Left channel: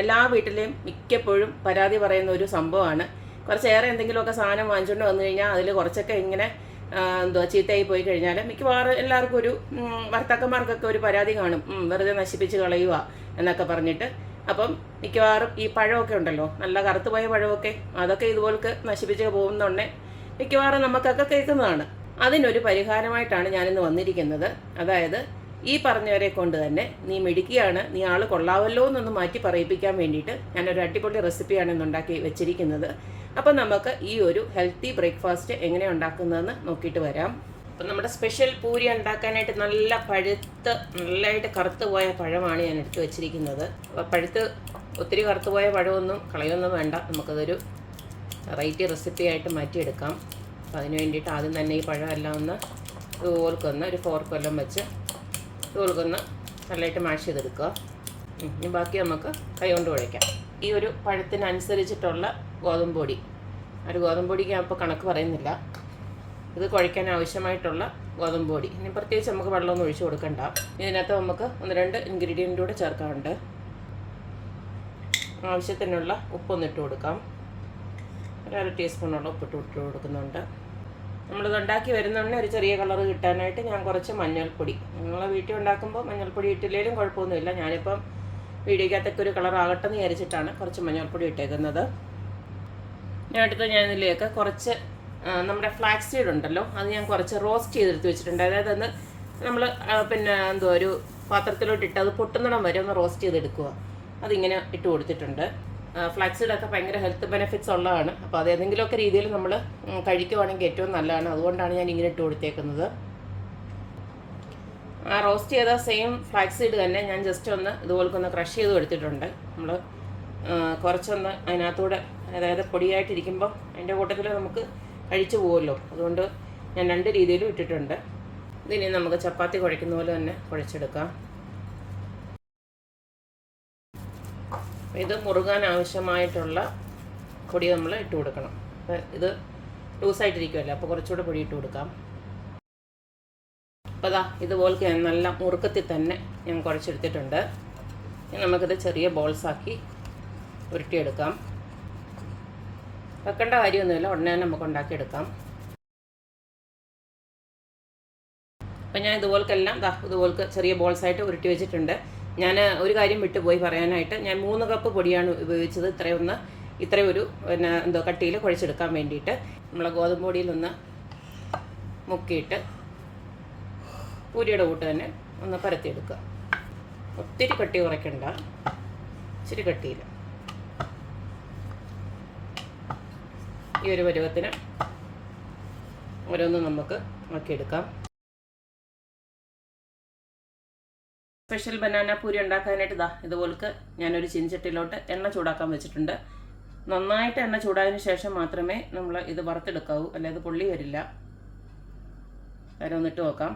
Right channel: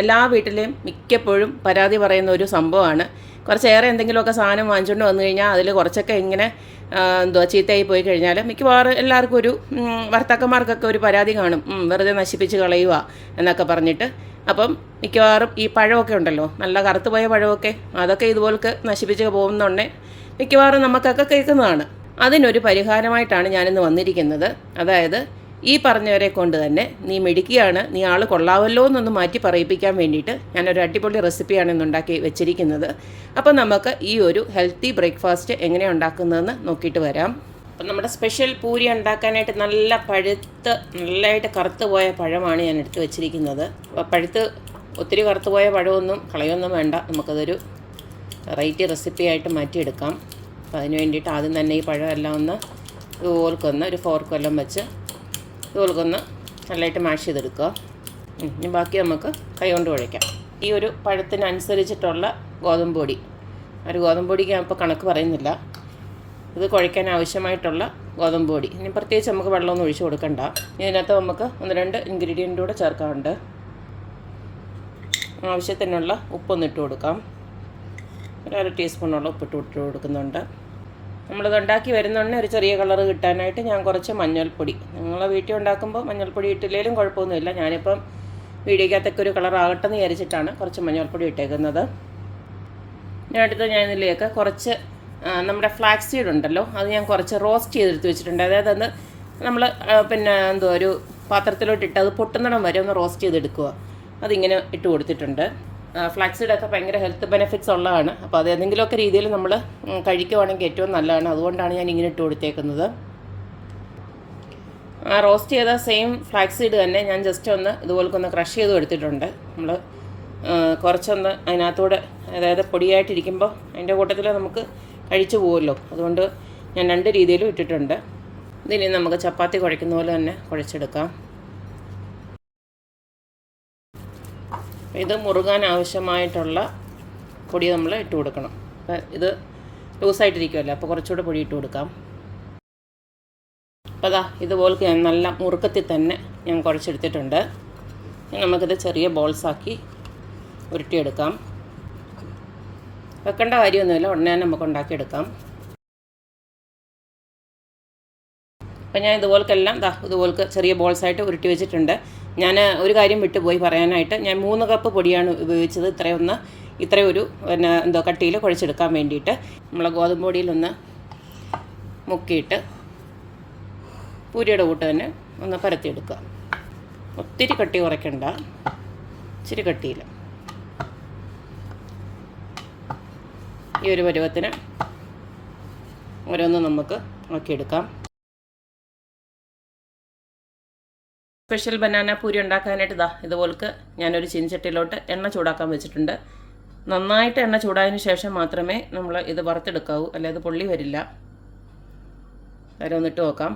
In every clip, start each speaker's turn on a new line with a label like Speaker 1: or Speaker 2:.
Speaker 1: എല്ലാ വീട്ടിലെയും മിക്കപ്പോഴും പരാതി പറയുന്ന ഒരു സംഭവമാണ്. കുറച്ചേറെ എന്തെങ്കിലുമൊക്കെ സാധനം വാങ്ങിച്ചുകൊണ്ട് വന്നു കഴിഞ്ഞാൽ അതിൽ കുറച്ചൊക്കെ ഇങ്ങനെ എന്തുവാ ചീത്തയായി പോയി കഴിഞ്ഞാൽ മിക്കവാറും എല്ലാവർക്കും ഒരു ഭർത്താക്കന്മാർക്കൊക്കെ ഒരു പരാതി കാണും. വെറുതെ നശിപ്പിച്ച് കളയുക എന്നൊക്കെ പറഞ്ഞിട്ട്. അപ്പം മിക്കവാറും ഈ പഴമൊക്കെ ഉണ്ടല്ലോ നല്ല കറുത്തുപോയ പഴമൊക്കെ അതൊക്കെ ഇതുപോലൊക്കെ നശിപ്പിച്ച് പോകുന്നുണ്ടേ മിക്കവാറും നമുക്കൊക്കെ കേൾക്കുന്നതാണ്. അതിനൊരു പരിഹാരമായിട്ടാണ് ഞാനിന്ന് വന്നിരിക്കുന്നത്. അതായത് ഈ പറഞ്ഞവരെ കൊണ്ട് തന്നെ നീ മിടുക്കിയാണ് നീ ആൾ കൊള്ളാവല്ലോ എന്നൊന്ന് മാറ്റി പറയിപ്പിക്കാൻ വേണ്ടിയിട്ട് ഞാനൊരു അടിപൊളി റെസിപ്പിയാണ് ഇന്ന് ഉണ്ടാക്കി വെച്ചിരിക്കുന്നത്. അപ്പോൾ നമുക്ക് ഈ ഒരു ഹെൽത്തി ബ്രേക്ക്ഫാസ്റ്റ് എങ്ങനെ ഉണ്ടാക്കുന്നതെന്ന് നോക്കിയിട്ട് വരാം. അപ്പം നമ്മുടെ സ്പെഷ്യൽ പൂരി ഉണ്ടാക്കാനായിട്ട് നല്ല പഴുത്ത് നല്ലതായിട്ട് കറുത്ത് പോയ പഴമാണ് ഞാൻ എടുത്ത് വെച്ചിരിക്കുന്നത്. അപ്പോൾ പഴുത്ത് ഒത്തിരി കറുത്ത് പോയ പഴമൊന്നും കളയൊന്നും വേണ്ട. നമുക്കതൊരു വെറൈറ്റി റെസിപ്പി ആയിട്ട് മാറ്റിയെടുക്കാം. അപ്പോൾ അതിന് വേണ്ടിയിട്ട് ആദ്യം തന്നെ ഈ പഴമെല്ലാം ഒന്ന് ഓർക്കൊന്ന് ഒരു ഫോർക്കെല്ലാം വെച്ച് ഇതുപോൽക്കൊന്ന് നല്ലതായിട്ട് മാഷ് ചെയ്തെടുക്കുക. ഇനി ബാക്കി നമുക്ക് കൈകൊണ്ട് കുഴയ്ക്കാം ഈ ഒരു പഴത്തിനനുസരിച്ചിട്ടുള്ള ഗോതമ്പ് പൊടി. ഒരു ഗോതമ്പ് പൊടിക്ക് ഞാൻ ഇപ്പോൾ കണക്ക് പറയുന്നില്ല. ഇത് കുഴയ്ക്കാൻ ആവശ്യമായിട്ടുള്ള ഗോതമ്പ് പൊടി. ഇനി പ്രത്യേകിച്ച് നമുക്ക് വെള്ളമൊന്നും ഒഴിച്ചു കൊടുക്കണ്ട. ഇതിനകത്ത് നമുക്ക് ഒന്ന് രണ്ട് ഇൻഗ്രീഡിയന്റ് കൂടെ ചേർക്കാറുണ്ട് ആവശ്യത്തിനുള്ള ഉപ്പൊന്നിട്ട് കൊടുക്കാം. ഒരു അര ടീസ്പൂണോളം ഉപ്പിട്ട് ഇട്ട് കൊടുക്കുന്നുണ്ട്. നമ്മളിത് ഉണ്ടാക്കി വരുന്നുണ്ടെ ഒരു ചെറിയ കളർ കിട്ടാനായിട്ട് ഞാൻ കുറച്ച് മഞ്ഞൾപ്പൊടി. നിങ്ങളെ വീട്ടിൽ ഉണ്ടാക്കുമ്പോൾ മഞ്ഞൾപ്പൊടി ഇട്ടില്ലെങ്കിലും കുഴപ്പമൊന്നുമില്ല. ഞാനിപ്പം വീഡിയോക്കകത്തൊക്കെ ഒരു കളർ ആകട്ടെ എന്ന് വിചാരിച്ചിട്ടാണ് കുറച്ച് മഞ്ഞൾപ്പൊടി ഇട്ടേക്കുന്നത്. ഞാൻ അടുത്ത് ഞാൻ ഇതിലേക്ക് കുറച്ച് നമ്മുടെ ഫ്ലാക്സ് സീഡ് ഉണ്ടല്ലോ അത് ഞാൻ കുറച്ച് റോസ്റ്റ് ചെയ്തെടുത്ത് വെച്ചിട്ടുണ്ട്. അതായത് അന്ന് നമ്മൾ പിന്നെ എന്തോ ഒരു പാത്രത്തിലോട്ട് ഇട്ട് അത് പൊട്ടുന്നിടം വരെ ഒന്ന് റോസ്റ്റ് ചെയ്തെടുക്കുക. അതിങ്ങനെ ഇട്ട് കൊടുത്തിട്ടുണ്ട്. ഫ്ലാക്സ് സീഡൊക്കെ ഭയങ്കര ഹെൽത്ത് ബെനിഫിറ്റ്സ് ഉള്ളതാണ്. അപ്പോൾ അത് ഏതെങ്കിലുമൊക്കെ രീതിയിൽ നമ്മൾ കഴിക്കുവാണെങ്കിൽ ഏറ്റവും നല്ലതാണ്. അതുകൊണ്ടാണ് ഞാൻ ഇങ്ങനെ ഇട്ട് കൊടുത്തേക്കുന്നത്. ആ റോസ്റ്റ് ചെയ്ത സെയിം ഫ്ലാക്സ് സീഡ് തന്നെ ഞാൻ ജസ്റ്റ് ഒന്ന് ഇതുപോലൊക്കെ ഒന്ന് ക്രഷ് ചെയ്ത് എടുത്തിട്ടുണ്ട് നമ്മൾ കുറച്ചൊന്ന് അതിനകത്തൂടെ അതായത് പൊടിയായിട്ടിരിക്കുമ്പോൾ അതിന്റെ കൂട്ടത്തിൽ നമുക്ക് കഴിച്ചു പോകുമല്ലോ അതുകൊണ്ട് ഞാൻ രണ്ട് രീതിയിലും ഇട്ടിട്ടുണ്ട്. ഇതിനി നമുക്ക് ചപ്പാത്തി കുഴയ്ക്കുന്ന പോലെ തന്നെ കുഴച്ചെടുക്കാം. ഇത് മുറുകാൻ ആവശ്യമായിട്ടുള്ള പൊടി നമ്മൾ ഇട്ട് കൊടുക്കണം. ഇത് ലൂസായിട്ടിരിക്കുമല്ലോ അപ്പോൾ കുറച്ചുകൂടെ പൊടി ഇട്ട് കൊടുക്കാം. അപ്പോൾ അതാ ഇതുപോലെ ഞാൻ നല്ല മുറുക്കത്തിൽ തന്നെ ഞാൻ കുഴച്ചെടുത്തിട്ടുണ്ട്. നമുക്കിത് ചെറിയ ബോൾസാക്കി ഉരുട്ടിയെടുക്കാം. വെക്കേണ്ട കാര്യമൊന്നുമില്ല ഉടനെ തന്നെ നമുക്ക് ഉണ്ടാക്കിയെടുക്കാം. അപ്പം ഞാൻ ഇതുപോൽക്കെല്ലാം ദാ ഇതുപോലെ ചെറിയ ബോൾസായിട്ട് ഉരുട്ടി വെച്ചിട്ടുണ്ട്. ഞാൻ ഒരു കാര്യം വിട്ടുപോയി പറയാനായിട്ട്. ഞാൻ മൂന്ന് കപ്പ് പൊടിയാണ് ഉപയോഗിച്ചത്. ഇത്രയൊന്ന് ഇത്രയൊരു പിന്നെ എന്തോ കട്ടിയിൽ കുഴച്ചെടുക്കാൻ വേണ്ടിയിട്ട്. നമ്മളെ ഗോതമ്പ് പൊടിയിലൊന്ന് മുക്കിയിട്ട് പൂരിയുടെ കൂട്ട് തന്നെ ഒന്ന് പരത്തിയെടുക്കുക. ഒത്തിരി കട്ടി കുറയ്ക്കണ്ട. ഇച്ചിരി കട്ടിയില്ല ഈ ഒരു പരുവത്തിന് ഓരോന്നും നമുക്ക് ആക്കിയെടുക്കാം. സ്പെഷ്യൽ ബനാന പൂരി ഉണ്ടാക്കാനായിട്ട് ഇതാ ഇതുപോലക്ക് ഞാനൊരു ചീനച്ചട്ടിയിലോട്ട് എണ്ണ ചൂടാക്കാൻ വെച്ചിട്ടുണ്ട്. നന്നായിട്ട് എണ്ണ ചൂടായതിനു ശേഷം മാത്രമേ നമ്മൾ ഇത് വറുത്തെടുക്കാവൂ അല്ലെ ഇത് പൊള്ളി വരില്ല. വരെ ഒന്നിട്ട് നോക്കാം.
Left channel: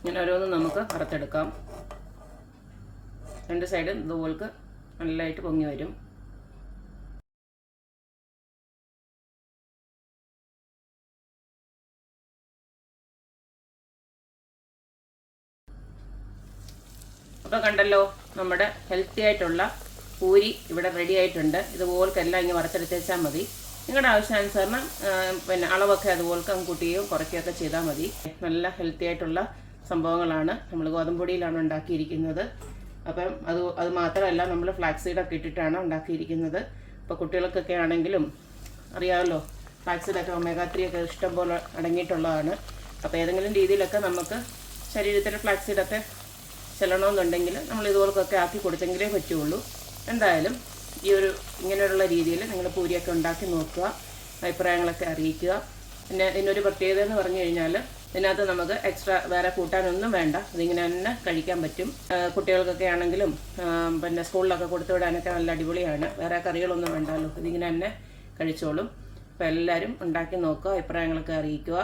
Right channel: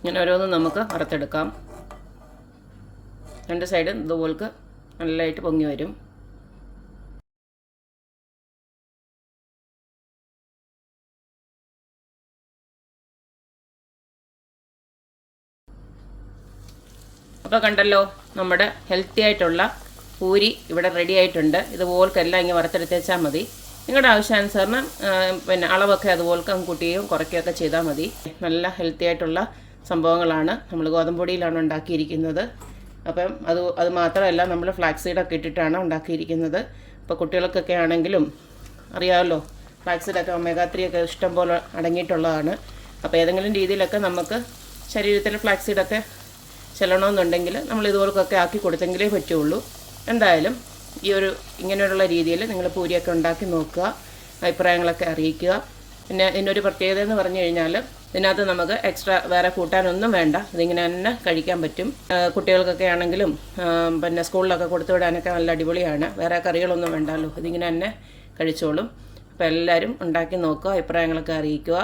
Speaker 1: ഇങ്ങനെ ഓരോന്നും നമുക്ക് വറുത്തെടുക്കാം. രണ്ട് സൈഡും ഇതുപോലക്ക് നല്ലതായിട്ട് പൊങ്ങി വരും. അപ്പോൾ കണ്ടല്ലോ നമ്മുടെ ഹെൽത്തി ആയിട്ടുള്ള പൂരി ഇവിടെ റെഡി ആയിട്ടുണ്ട്. ഇതുപോൽക്കെല്ലാം ഇങ്ങനെ വറുത്തെടുത്ത് വെച്ചാൽ മതി. നിങ്ങളുടെ ആവശ്യാനുസരണം പിന്നെ അളവൊക്കെ അതുപോലെ കൂട്ടിയും കുറയ്ക്കുകയൊക്കെ ചെയ്താൽ മതി. നല്ല ഹെൽത്തി ആയിട്ടുള്ള സംഭവങ്ങളാണ് നമ്മൾ ഗോതമ്പൊടിയിലാണ് ഉണ്ടാക്കിയിരിക്കുന്നത്. അപ്പം അത് അത് മാത്രമല്ല നമ്മൾ ഫ്ലാക്സ് സീഡൊക്കെ ഇട്ടിട്ടാണ് ഉണ്ടാക്കിയിരിക്കുന്നത്. ഇപ്പോൾ കുട്ടികൾക്കൊക്കെ ആണെങ്കിലും അറിയാമല്ലോ ഫ്ലാക്സ് സീഡൊക്കെ ഒമേഗ ത്രീ ഒക്കെ ഇഷ്ടം പോലെ അടങ്ങിയിട്ടുള്ളതാണ്. അപ്പോൾ ഏതെങ്കിലും രീതിയിലൊക്കെ നമുക്ക് ശരീരത്തിൽ ഫ്ലാക്സ് സീഡൊക്കെ ചെല്ലണമെന്നുണ്ടെങ്കിൽ നമ്മൾ ഇതുപോലൊക്കെ ആക്കി കൊടുത്തെങ്കിലേ പറ്റുള്ളൂ. എന്തായാലും ഈ ഒരു ഇങ്ങനെയുള്ള രീതിയിൽ നിങ്ങൾ പൂരിയൊക്കെ ഉണ്ടാക്കി നോക്കുക അഭിപ്രായങ്ങളൊക്കെ അറിയിക്കുക. പിന്നെ ഇതിനൊരു പ്രത്യേകത എന്ന് പറഞ്ഞു കഴിഞ്ഞാൽ ഇതിനകത്ത് നമുക്ക് എക്സ്ട്രാ വേറെ കൂട്ടാനൊന്നും വേണ്ട. ഇതിങ്ങനെ തന്നെ കഴിക്കാൻ പറ്റും. കുട്ടികൾക്കൊക്കെ ആണെങ്കിലും പിന്നെ സ്കൂളിലൊക്കെ കൊടുത്തു വിടാനൊക്കെ നല്ല അടിപൊളിയാണ്. വേറെ കറികളൊന്നും വേണ്ടല്ലോ ഇതിങ്ങനെ തന്നെ കഴിച്ചോളും. അപ്പോൾ എല്ലാവരും ഉണ്ടാക്കി നോക്കുക അഭിപ്രായങ്ങളൊക്കെ അറിയിക്കുക.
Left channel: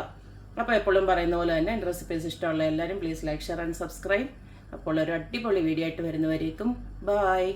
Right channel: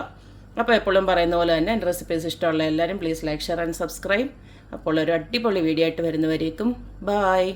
Speaker 1: അപ്പോൾ എപ്പോഴും പറയുന്ന പോലെ തന്നെ എന്റെ റെസിപ്പീസ് ഇഷ്ടമുള്ള എല്ലാവരും please like share and subscribe അപ്പോൾ ഒരു അടിപൊളി വീഡിയോ ആയിട്ട് വരുന്നവരേക്കും ബായ്